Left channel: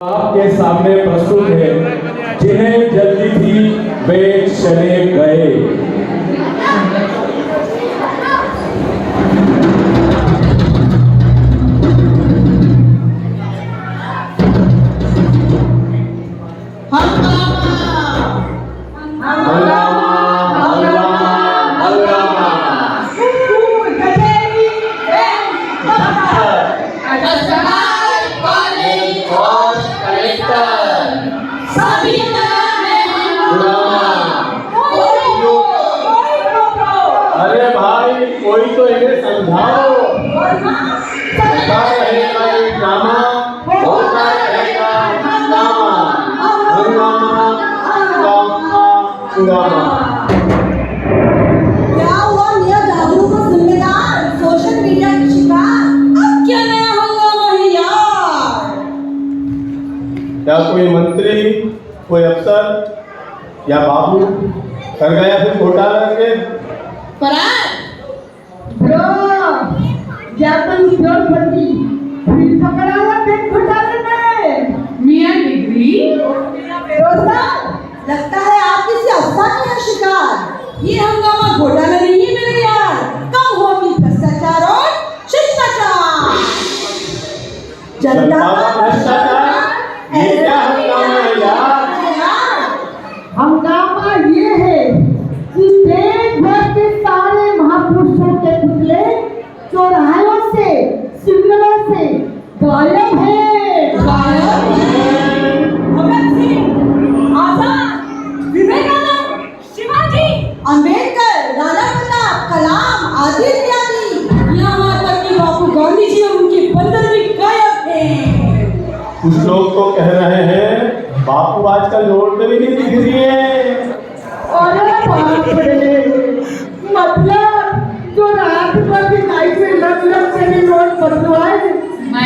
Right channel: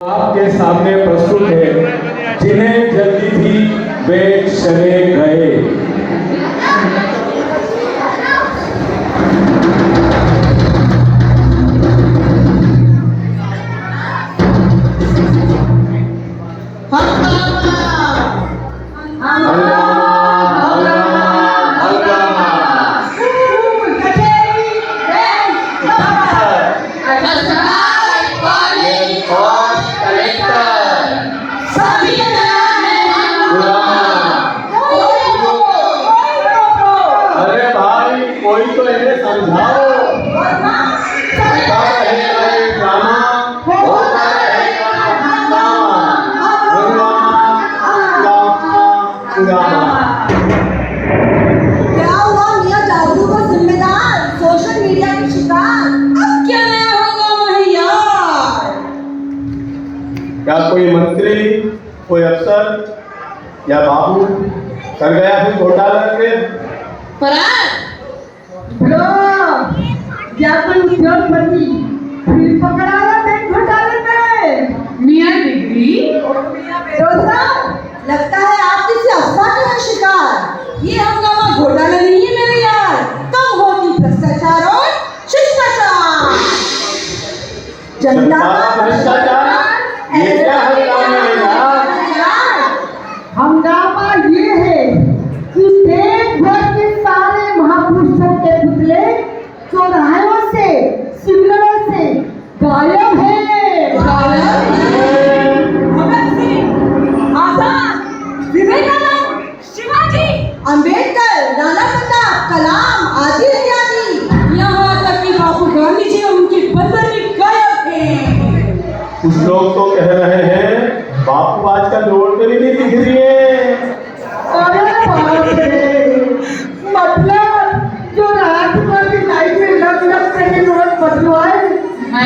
आपके सामने प्रस्तुत है जिन्हें जल्दी थी वे चले गए। क्या हुआ मियां जागरूक और जिम्मेदार सोशल मीडिया की शिकार? अब क्या नया हंगामा है यार? क्या कोई मंत्री, कोई अफसर या बाबू कर गया फिर घोटाला करके? ज्ञापन की जरूरत पड़ी, फिर पकड़ा ना बैंक घोटाले में। मियां डिग्री लगता है आप किसी अफवाह का शिकार। ये हंगामा घोटाला नहीं है मेरे यार, कम होती भ्रष्टाचार और शिष्टाचार। जनता का भ्रष्टाचार ये क्या हंगामा है यार? हंगामा ये है कि देश भर के सारे महापुरुषों के पुतले चौराहों से, सिग्नलों से गायब है। अंबेडकर, नाना प्रताप, कलाम आदि इत्यादि, यहाँ तक कि बापू गांधी जी और उनके बंदर भी गायब हैं। कुछ लोग तो कह रहे हैं बापू आजकल रोड पे भी नहीं दिख रही है। अरे बाप रे, मतलब जो रात भर की लाइट में लग के रोड बदलवाए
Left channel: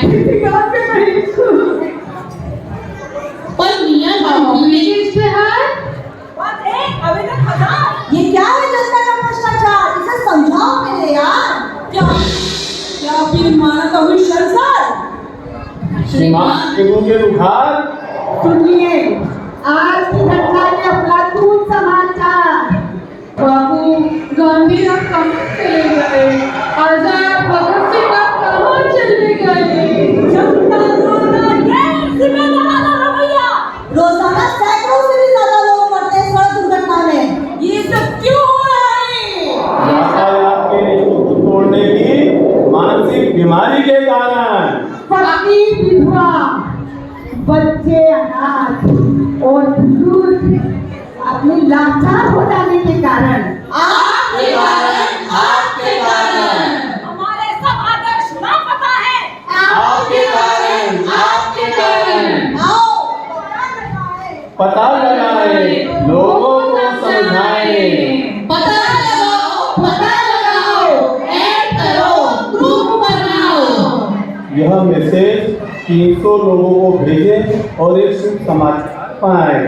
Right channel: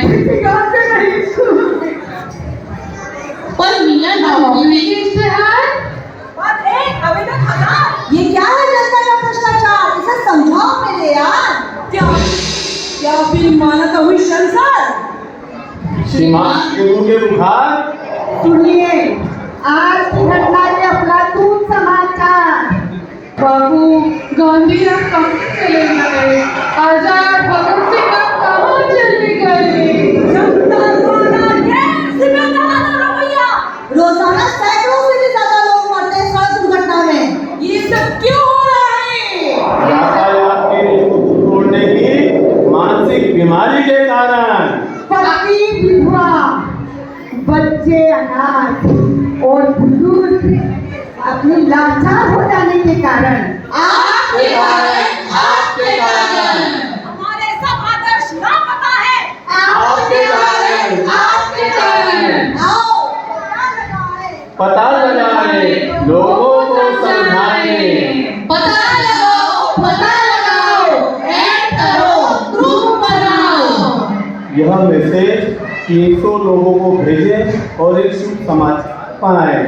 किसी बात से नहीं। पर मियां डिग्री के इश्तेहार ये क्या है जनता का भ्रष्टाचार? इसे समझाओ मेरे यार। क्या फिर माना तो हुई संसद? दिमाग के मुंह के बुखार। सुनिए आज की घटना के अपराधूत समाचार। बाबू गांधी अब कहाँ चले गए? आजाद भगत सिंह अब कहाँ चले गए? जनता द्वारा गैर जिम्मेदार रवैया। रोजाना सैकड़ों से भी ज्यादा लोग मरते हैं सड़क दुर्घटना में। ये सब क्यों हो रहा है? आपके रिश्तों को तोड़ने की मानसिक बीमारी के कारण। पति विधवा, बच्चे अनाथ और बुजुर्ग अपने लाचार हो जाने के कारण। आपके कारण हमारे सब आदर्श ना पता है। आपके कारण आओ पता लगाए, लोगों को समझाए। पता लगाओ, ऐड करो, ग्रुप बनाओ। यह मैसेज 300 लोगों को भेजें और एक शुभ समाचार पाएं।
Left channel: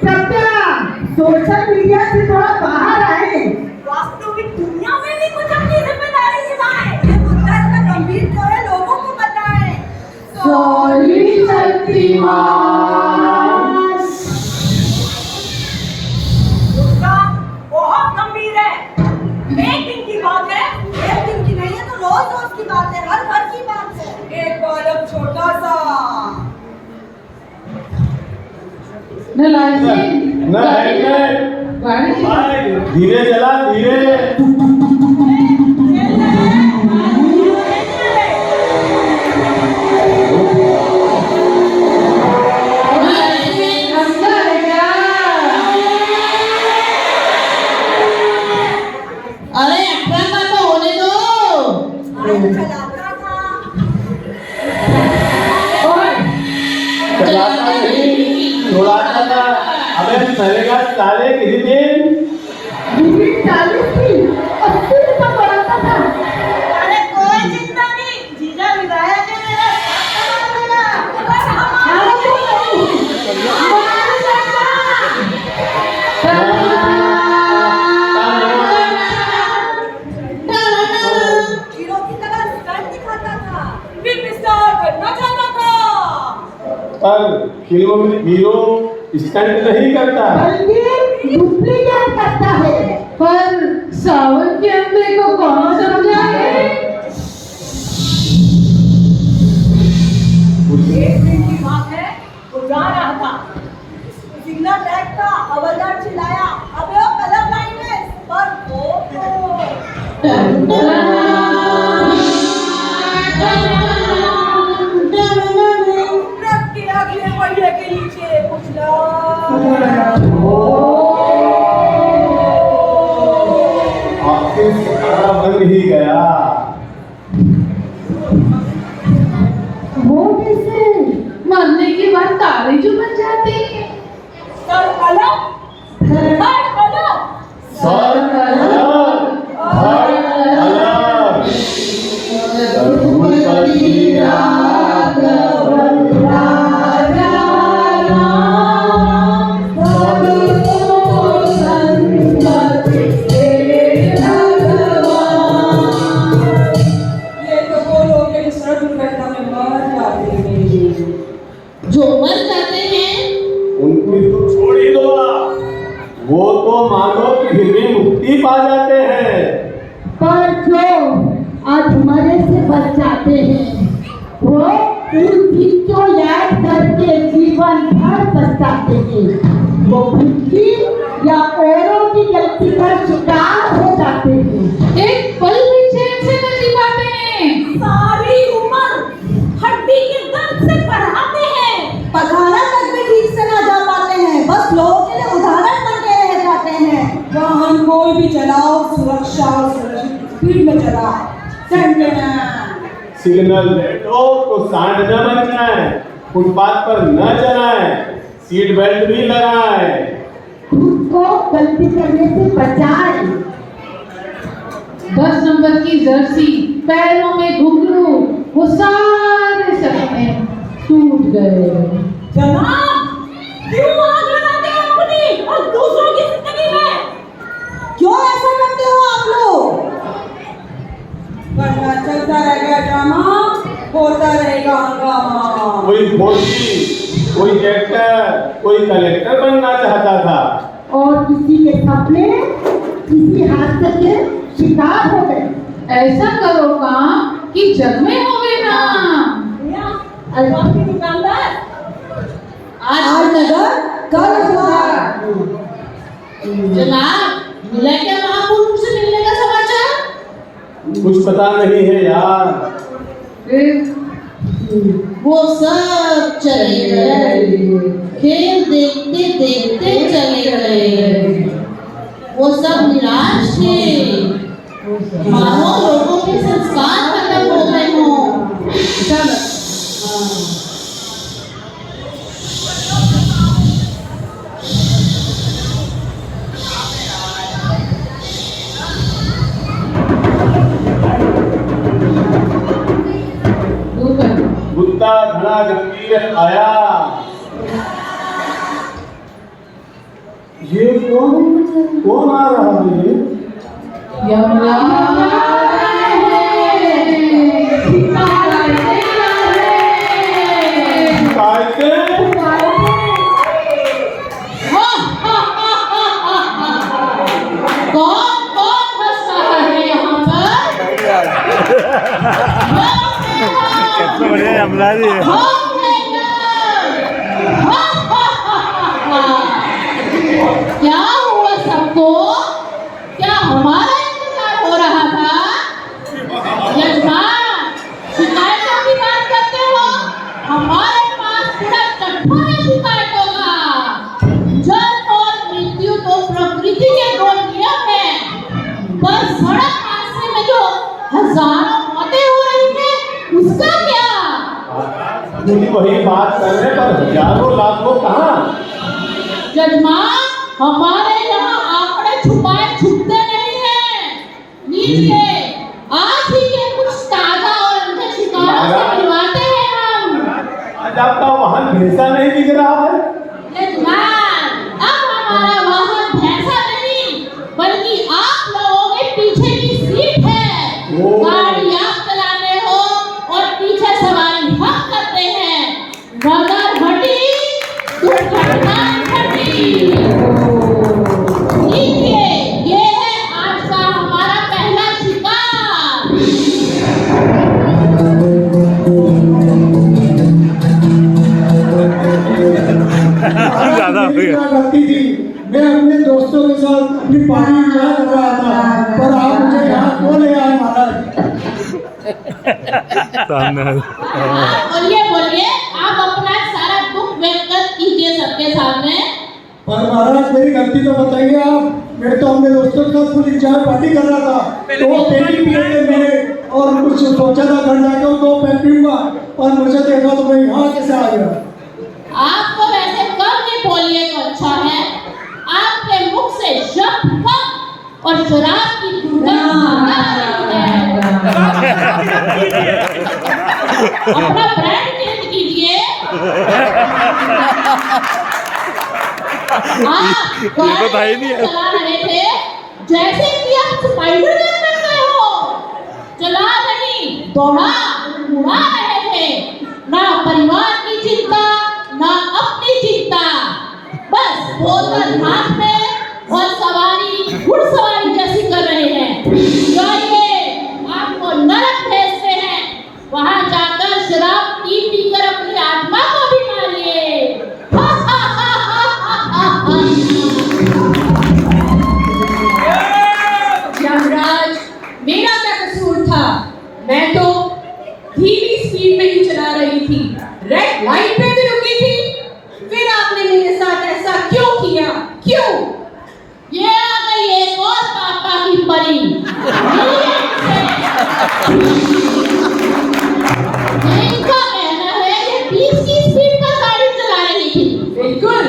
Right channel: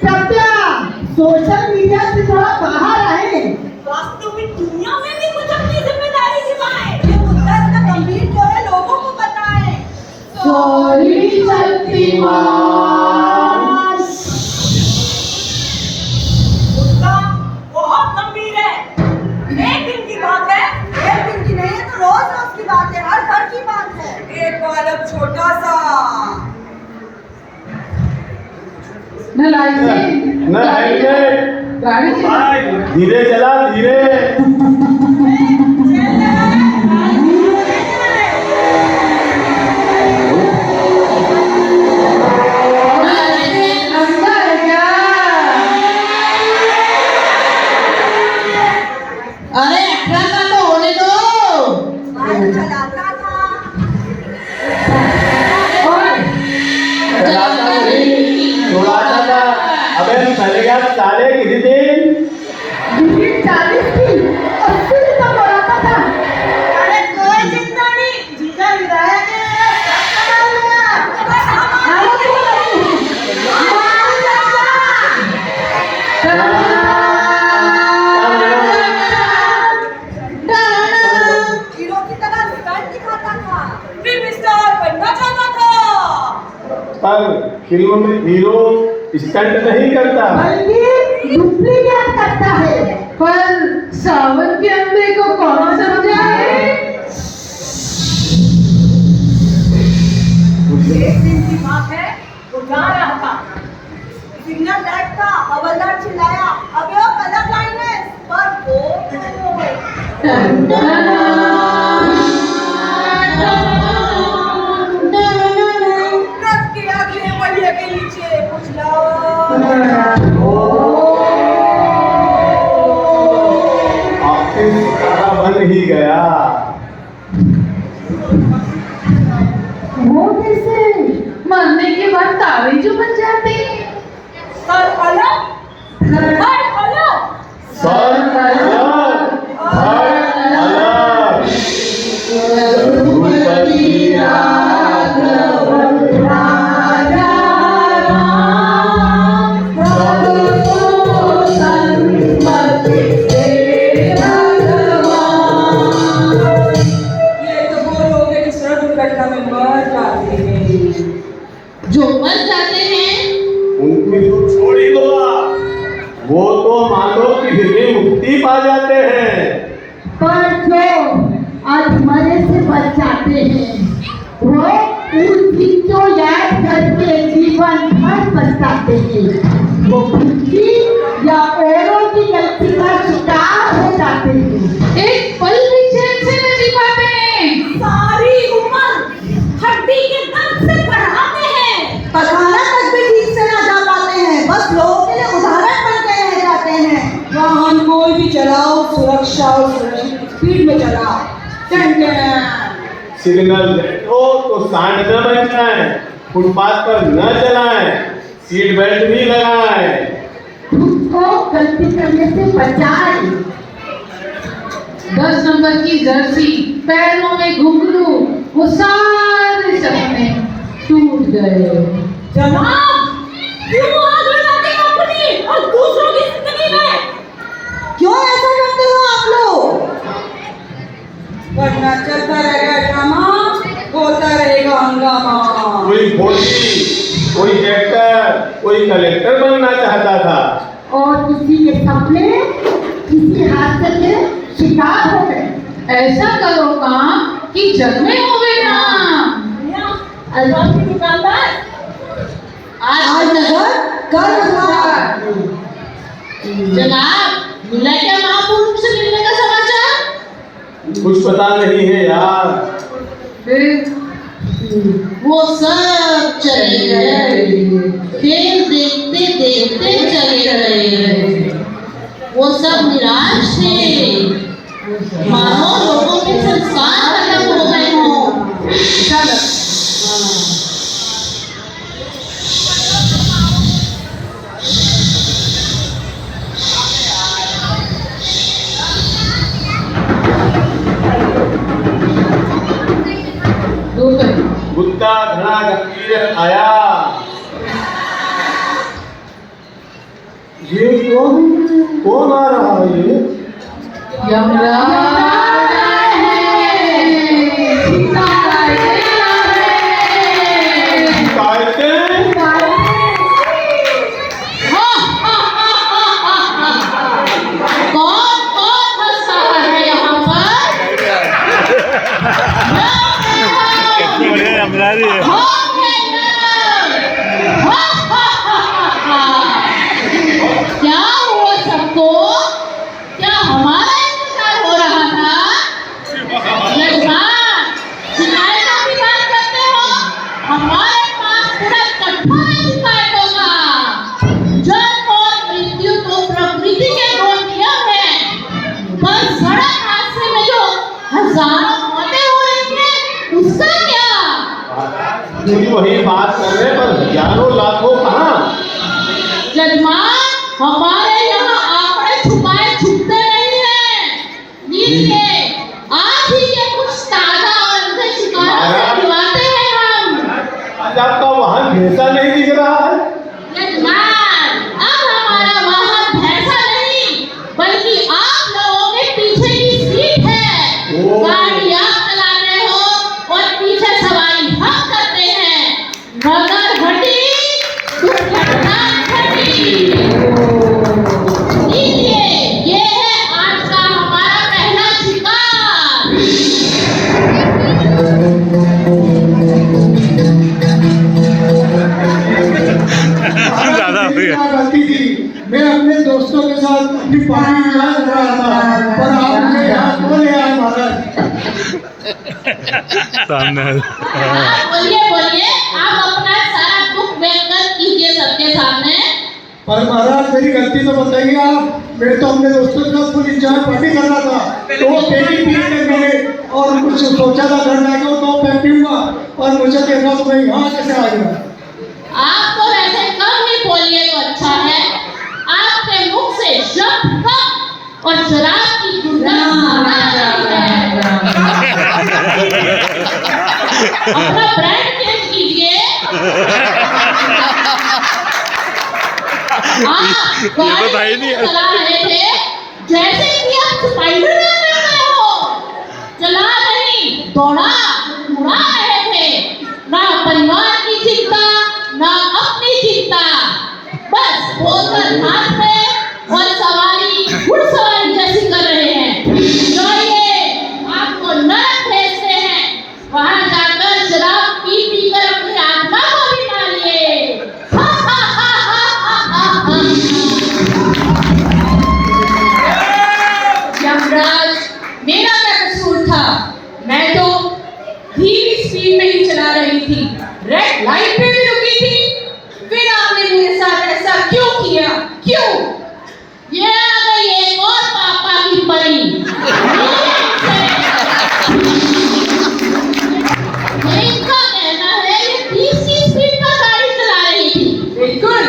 कृपया सोशल मीडिया से थोड़ा बाहर आए। वास्तविक दुनिया में भी कुछ अपनी जिम्मेदारी निभाएं। ये मुद्दा इतना गंभीर क्यों है, लोगों को बताएं। सॉरी शक्तिमान। मुद्दा बहुत गंभीर है। एक दिन की बात है, एक दिन की नहीं है तो रोज रोज की बात है, हर घर की बात है। एक बालक छोटा सा न लाइसेंस न हेलमेट, गाड़ी बाइक धीरे चला, धीरे। अंदर क्या? अरे 18 का तो होने दो। चलाता था। अबे चलेगा साले किसी दिन। 40 की 80 फिल्मों में हीरो स्टंट नहीं करता, बल्कि डुप्लीकेट करता है। पर सावन के अंधे को कौन समझाए? एक दिन की बात है, वो जा रहा था, सिग्नल लाइट था, हवलदार चिल्लाया, अबे ओ कलर ब्लाइंडनेस, पर वो ट्रक के अगले पहिए के नीचे कुछ आखिर सारा बन ही गया। वो कैसे? मरने के बाद तारे जो बन जाते हैं। सर अलग, हर अलग, सर अलग, हर अलग। रघुपति राघव राजा राम, प्रभु संपत्ति हे भगवान। ये तो वो लोग हैं जो सड़क दुर्घटना में मर जाते हैं। जो मर जाते हैं उनकी तो छोड़ ही दो, वो तो मानो कि फिर मुक्ति पा जाते हैं। पर जो आज मरे से बच जाते हैं, वो उस दिन को याद करके जीवन भर पछताते हैं। वो खुद की या औरों की गलती का शिकार हो जाते हैं। एक पल भी चैन से नहीं जी पाते हैं। सारी उम्र हड्डी के दर्द से बढ़ाते हैं, पखाना तक भी ठीक से ना जा पाते हैं, बस लोगों के लिए उदाहरण बन के रह जाते हैं। वाहन कोई भी चलाओ, सुरक्षा और सुरक्षित स्पीड में चलाओ। सिग्नल लेट हो तो सांड न बन जाए, फुटपाथ पर न चलाएं, सीट बेल्ट भी लगाएं। खुद को गलती करने से बचाए। 10 नंबर की जर्सी, पैरों में घुंघरू, वो सारे सपने टूट गए। जनाब, क्यों आग लगाते हो अपनी और दूसरों की जिंदगी में? क्यों ऐसा करते हो आप लोग? वरना चलता रहेगा ड्रामा, होता रहेगा हंगामा। कोई फौजी, कोई डॉक्टर, कोई कलेक्टर बनना चाहता था, और किसी के सपने किसी हादसे के शिकार हो गए। ऐसा करो काम कि जग में होवे ना। अलवा की दुकानदार, आज नगर कल हुआ। जनाब, मिला क्या महापुरुष से मिलने का समाचार? कुछ पता नहीं है यार। फिर वो सब चले गए, खेल देखते देखते चले गए। वो सब निराश थे, मानो लोगों के संस्कार खत्म हो गए हों। चलो बुद्धा घना गंभीर आया। ये कौन आ रहा है ये? यमराज कायदे? कौन कौन फंसा है यहाँ पर? कितना बढ़िया हमला रही है। क्या हुआ सबको? क्या हमारा इंतजार हो रहा था? शिकायतों की बात करते हो? हमारे पास पूरा कट्ठा है शिकायतों का। जन्म और मृत्यु तो प्रकृति के दो नियम है, पर सड़क हादसे में जो हजारों मौतें हो रही हैं, उसका क्या? नहीं वही बात कर रहे हैं, पर हजारों लाखों कहाँ? जजमान, हमारे यहाँ आंकड़े छुपाए छुपते नहीं हैं। नीचे आज ही के कुछ ताजा और अंधे शिकारों से बुलवाते हैं हम। आज आपका वाहन भैंसा नहीं दिख रहा है। जजमान, अब हमारा वाहन भैंसा नहीं, बल्कि आप लोगों के पीछे की सीट है। ओ। गाड़ी आप चलाते हो और पीछे सवारी हम करते हैं। मगर घटी मेरी क्या गलती थी? मैं अपने दोस्तों के साथ अपनी पार्टी एंजॉय कर रहा था, पर आप मुझे यहाँ क्यों ले आए महाराज? सामने बोलिए बोलिए, आप अपना सारा दुख व्यक्त कीजिए सबके सामने। पर महाराज मेरी गलती तो बताइए आप। मैं तो अपने दोस्तों के साथ फुल एंजॉय पार्टी कर रहा था, तो वो पेटी पिए थे मेरे, और कुछ सोचा था घर जाकर तो मैं पीऊंगा, और मुझे देखा तो मैं यहाँ कैसे आ गया? आपको वैसे कम नहीं बोलिए तो अच्छा है। आपके मुख से शब्द कम और शराब की दुर्गंध ज्यादा आ रही है। अपना ब्रांड चेंज कीजिए। ये तो था ही नहीं है। चला रहे थे जैसे कि आप स्पाइडरमैन बन गए हो। चला नहीं, दौड़ा उड़ा रहे थे। ना परिवार की चिंता, ना अपनी चिंता, बस बोतल हाथ में और सवारी घुड़सवारी जैसी कर रहे हैं। जाइए, आपको नरक भेजते हैं। वहां जाकर शराब पी पी कर अपनी आत्मा को भी मारिए। यमराज, मेरा क्या कसूर था? मैं तो धीमी स्पीड में ही चला रही थी, रेड लाइट पे भी रुकी थी। फिर आपने मेरे साथ ऐसा क्यों किया? क्यों? ये आ गई एक और पापा की परी। इनका कहना है कि 30 की स्पीड पर गाड़ी चला रही थी। बिल्कुल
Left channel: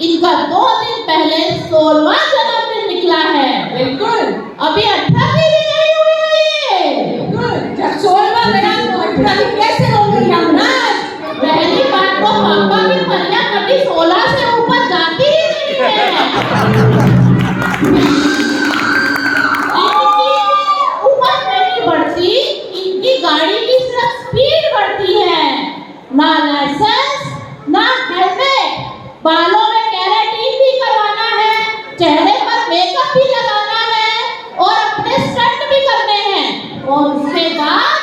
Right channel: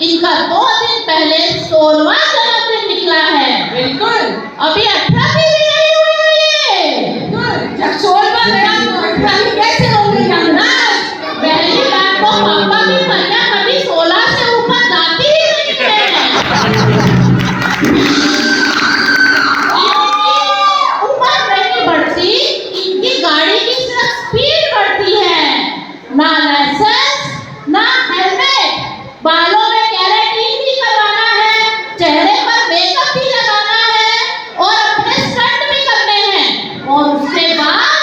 इनका 2 दिन पहले 16वां जन्मदिन निकला है। बिल्कुल अभी 18 भी नहीं हुई है ये। बिल्कुल। जब 16वां गया तो 18 कैसे होंगे यमराज? पहली बात तो पापा की परियां कभी 16 से ऊपर जाती ही नहीं है। इनकी उम्र नहीं बढ़ती, इनकी गाड़ी की सिर्फ स्पीड बढ़ती है। ना लाइसेंस, ना हेलमेट, बालों में केराटिन भी करवाना है, चेहरे पर मेकअप भी लगाना है और अपने स्टंट भी करने हैं। और उसके बाद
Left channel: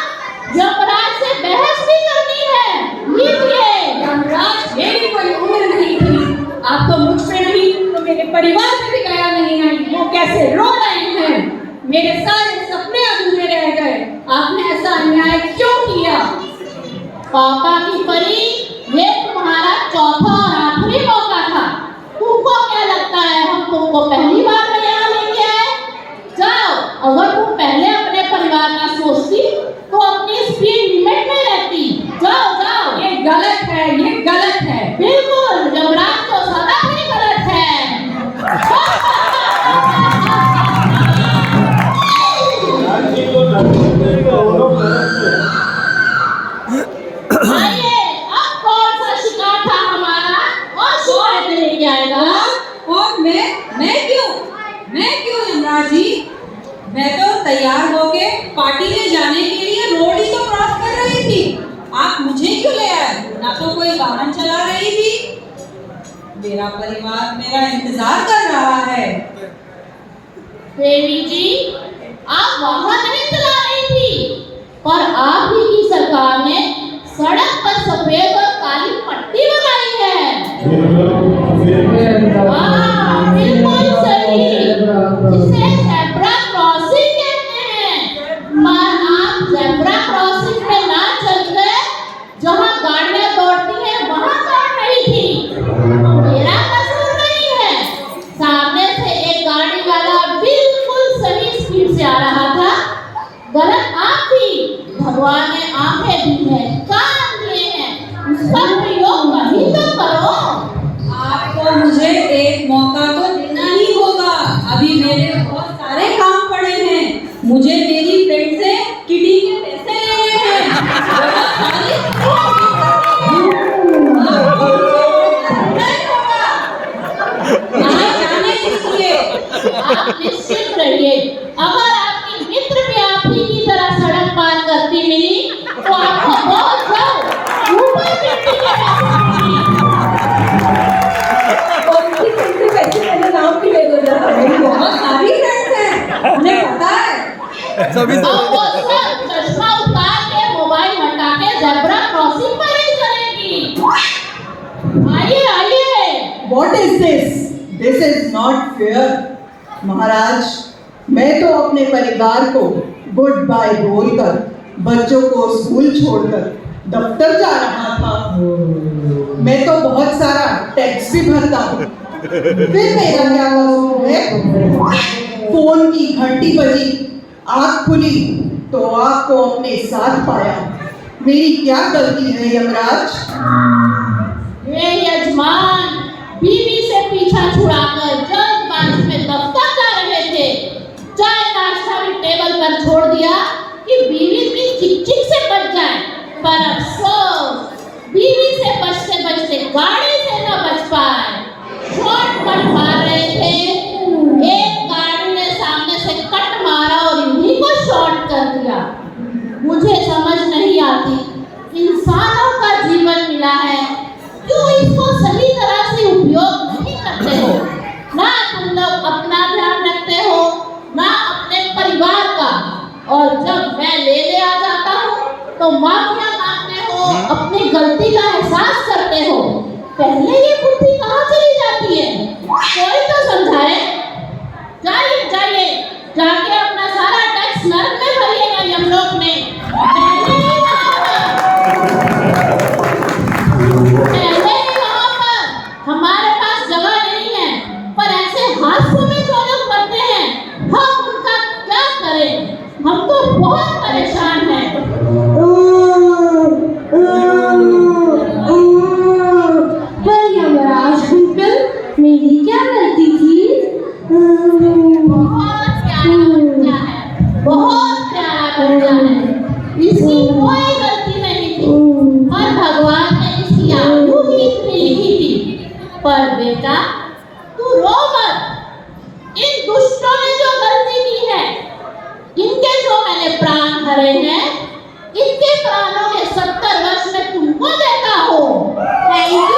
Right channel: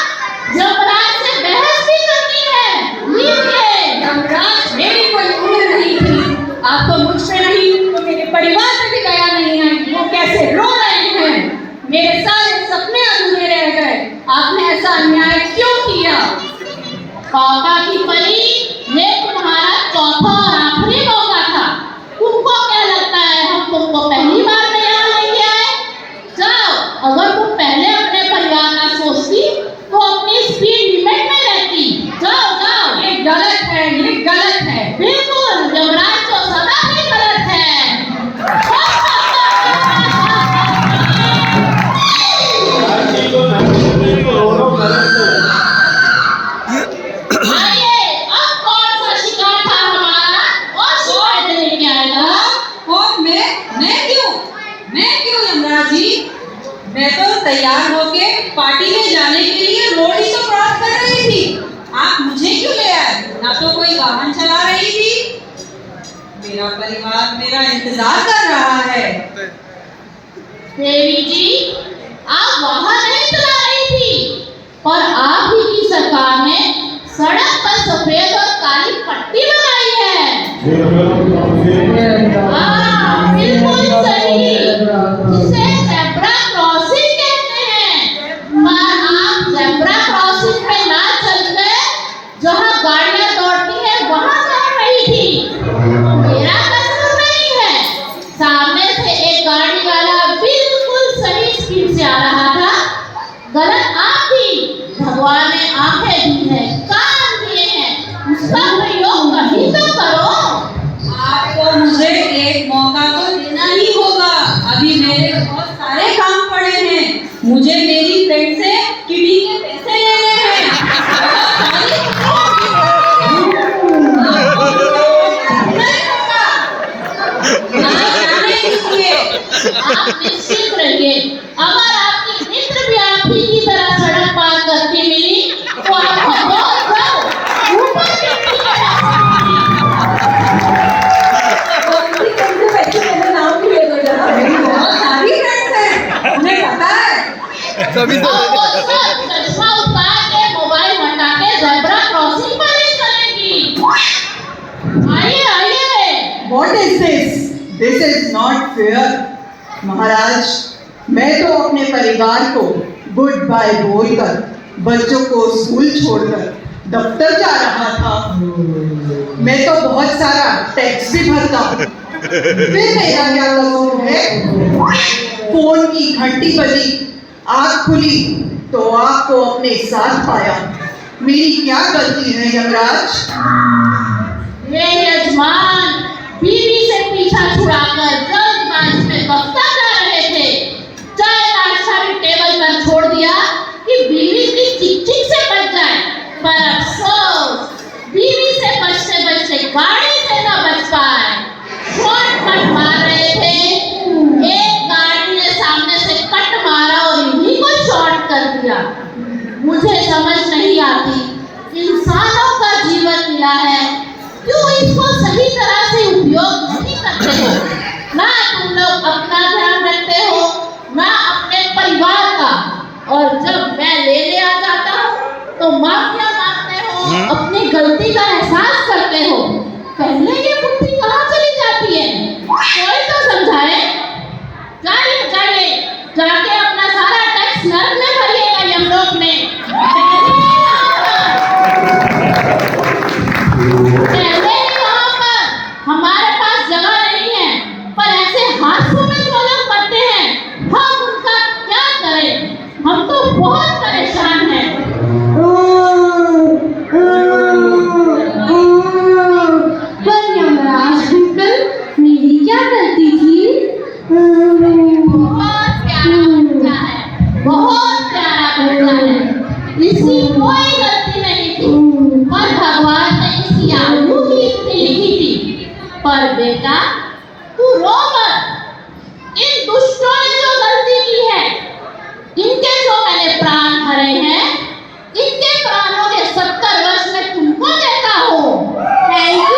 यमराज से बहस भी करनी है। लीजिए। यमराज, मेरी कोई उम्र नहीं थी। आप तो मुझ पे नहीं तो मेरे परिवार पे भी दया नहीं है। वो कैसे रो रहे हैं। मेरे सारे सपने अधूरे रह गए। आपने ऐसा अन्याय क्यों किया? पापा की परी, ये तुम्हारा चौथा और आखिरी मौका था। तुमको क्या लगता है हम तुमको पहली बार में यहाँ लेके आए? जाओ, अगर तुम पहले अपने परिवार का सोचती तो अपनी स्पीड लिमिट में रहती। जाओ जाओ। ये गलत है, ये गलत है। बिल्कुल, यमराज तो सदा ही गलत है। आइए, अब कौन सा शिकार था हमारा और शिकायत लेके आएगा? और मैं क्यों यमराज जी? मैं तो तैयार होके पार्टी में जाने के लिए रोड ही तो क्रॉस कर रही थी। आप मुझे क्यों ले आए? ना तो कोई वाहन चला रही थी। मेरा परिवार मेरा इंतजार कर रहा है। देवी जी, आप वाहन नहीं चला रही थी, पर आप ही की सरकार ने सड़क पर सफेद और काली पट्टी लगाई है। हाँ, बिल्कुल सही, जिसे ज़ेब्रा क्रॉसिंग कहते हैं। पर आप ज़ेब्रा क्रॉसिंग पे ना चलकर जहाँ गाड़ियाँ दौड़ती हैं वहाँ दौड़ रही थी। मेरा कसूर नहीं है। सामने से एक गाड़ी वाला बिल्कुल सही स्पीड से आ रहा था। गलत आप थी। भगवान ने आंखें दी हैं, कान दिए हैं, उसका प्रयोग कहीं तो करो। आपको मुझे एक मौका तो देना ही होगा। अभी मेरे बहुत सारे काम पड़े हैं। मुझे मेरी फ्रेंड से किटी के पैसे लेने हैं। आप निश्चित रहिए, अगर आपकी मित्र भी आप ही की तरह सड़क पार करती मिली तो आपको बहुत जाओ ऊपर मिट्टी के पास सभी से चश्मा उतार के मोबाइल हटा के ज़ेब्रा क्रॉसिंग पर ही चलेगी। आइए आइए। What What is this? This is not fair. महाराज, मैं तो अपने परिवार को गुड बाय बोलकर बच्चों को स्कूल छोड़कर दफ्तर जा रहा था। मैं तो बहुत सारा टैक्स भी भरता हूँ। फिर मेरा क्या कसूर है? फोन की घंटी बजी, आँख खुली तो आपको अपने साथ पाया। मेरी क्या गलती है यमराज? ये यजमान बीवी से पीछा छुड़ाकर जल्दबाजी में दफ्तर जा रहे थे। चाय नाश्ता भी टेबल पर छोड़ दिया कि बीवी की चिक-चिक से बच जाए, पर अफसोस बीवी से बचते बचते गाड़ी से न बच पाए। शॉर्टकट मार रहे थे, एक गाड़ी ने सामने से कट मारा और इन्हीं को शॉर्ट कर दिया। मुझे समझ नहीं आती, इंसानों का जीवन मिला है, क्यों इसको सही तरह से उपयोग नहीं करते हो? ना तुम लोग अपना ध्यान रखते हो, ना अपने परिवार का, और जब मैं ले आ जाता हूँ तो माफिया मांगते हो, अपनी गलती का एहसास करते हो। पहले ये बुद्धि कहाँ चली जाती है? कोई तो समझाए। जाइए जाइए, जाके अपना सारा टैक्स नर्क में भरिएगा यमलोक में। हमारे पास जगह नहीं है, पर ऐसे हादसों में जो लोग मरते हैं, हम उनका क्या करें? हम तो बहुत परेशान हैं। पर यमराज अंकल, मेरी क्या गलती थी? बहुत प्यारा बच्चा है, बहुत प्यारा बच्चा है, इसकी कोई गलती नहीं थी, पर भगवान ने इसकी आयु ही इतनी लिखी थी। पर बेटा, तू रो मत। इन दुष्टों ने जो गलती की है, इनके जो मैंने प्राण हरे हैं, इनके प्राणों के 70 वर्ष में तुमको देता हूँ। Thank you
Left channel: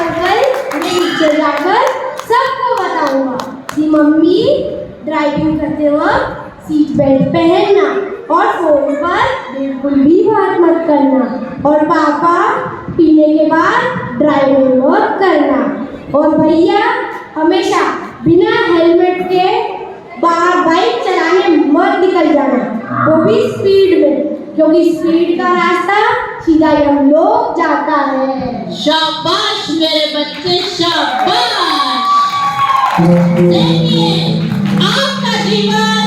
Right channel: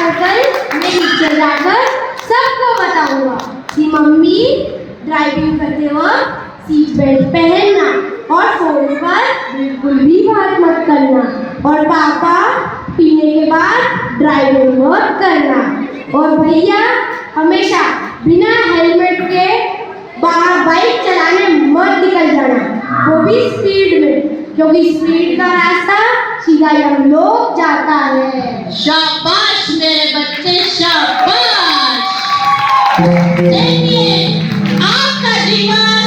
uncle. मैं नीचे जाकर सबको बताऊंगा कि मम्मी ड्राइविंग करते वक्त सीट बेल्ट पहनना और फोन पर बिल्कुल भी बात मत करना, और पापा पीने के बाद ड्राइविंग मत करना, और भैया हमेशा बिना हेलमेट के बाहर बाइक चलाने मत निकल जाना, वो भी स्पीड में, क्योंकि स्पीड का रास्ता सीधा यमलोक जाता है। शाबाश मेरे बच्चे, शाबाश। देखिए, आपका जीवन